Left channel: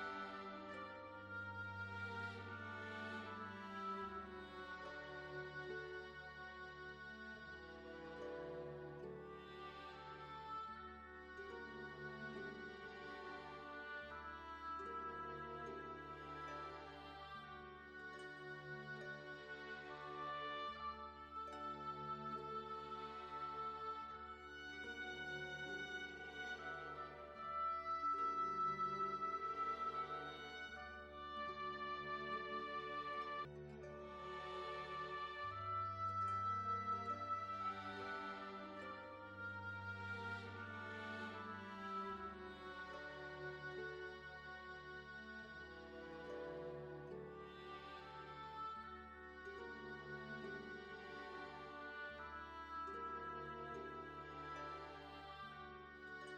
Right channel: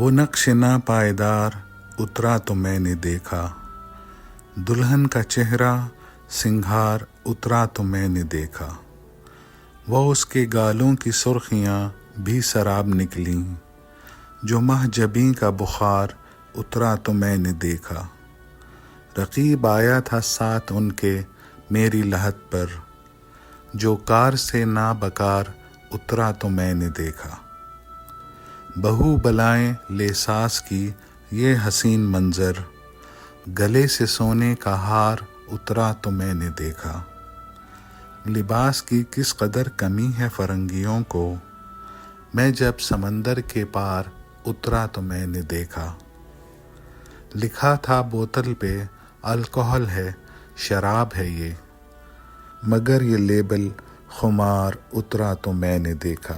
وہ نقش نا پائیدار اترا تو میں نے دیکھا، دلہن کا چہرہ سنگھار اترا تو میں نے دیکھا، وہ اس کے گالوں کی سرخیاں بھی سراب نکلیں، جو مہ جبیں کا بخار اترا تو میں نے دیکھا، رقیب آیا تھا ساتھ ان کے میری لحد پر، جو کار سے نابکار اترا تو میں نے دیکھا، بہو بلائیں لے ساس کی یہ حسین منظر، گلے سے سونے کا ہار اترا تو میں نے دیکھا، لباس کی کس قدر کمی ہے فرنگیوں کو، میں جب سمندر کے پار اترا تو میں نے دیکھا، لکھا تھا بوتل پہ الکحل ہے شراب ہے یہ، مگر یہ لیبل خمار اترا تو میں نے دیکھا۔